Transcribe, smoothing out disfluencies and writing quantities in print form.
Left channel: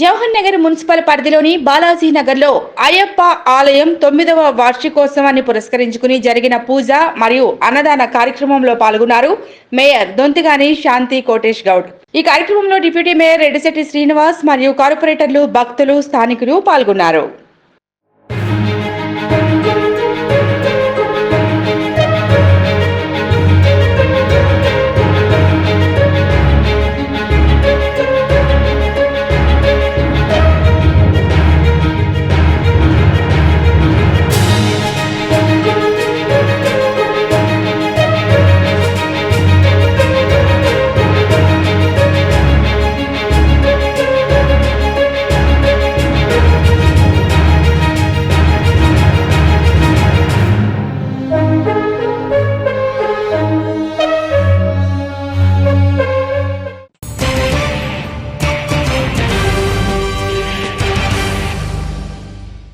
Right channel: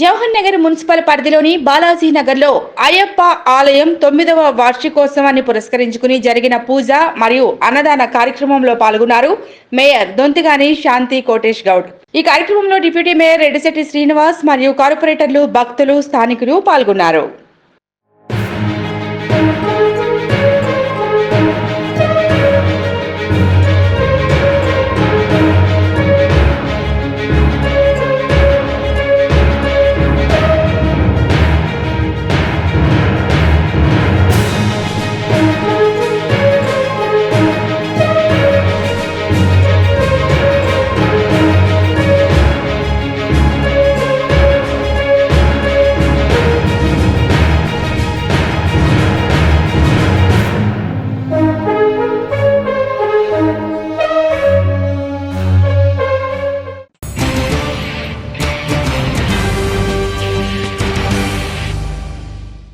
Jawahar Nagar municipal పరిధిలోని బాలాజీ నగర్లో అయ్యప్ప ఆలయం 9వ వార్షికోత్సవాన్ని పురస్కరించుకుని జరిగిన పూజ మరియు అన్నదాన కార్యక్రమంలో పాల్గొన్నారు మేయర్ దొంతిగాని శాంతి కోటేష్ గౌడ్. ఈ కార్యక్రమంలో డిప్యూటీ మేయర్ రెడ్డిశెట్టి శ్రీనివాస్ మరియు కార్పొరేటర్లు, భక్తులు, స్థానికులు పాల్గొన్నారు.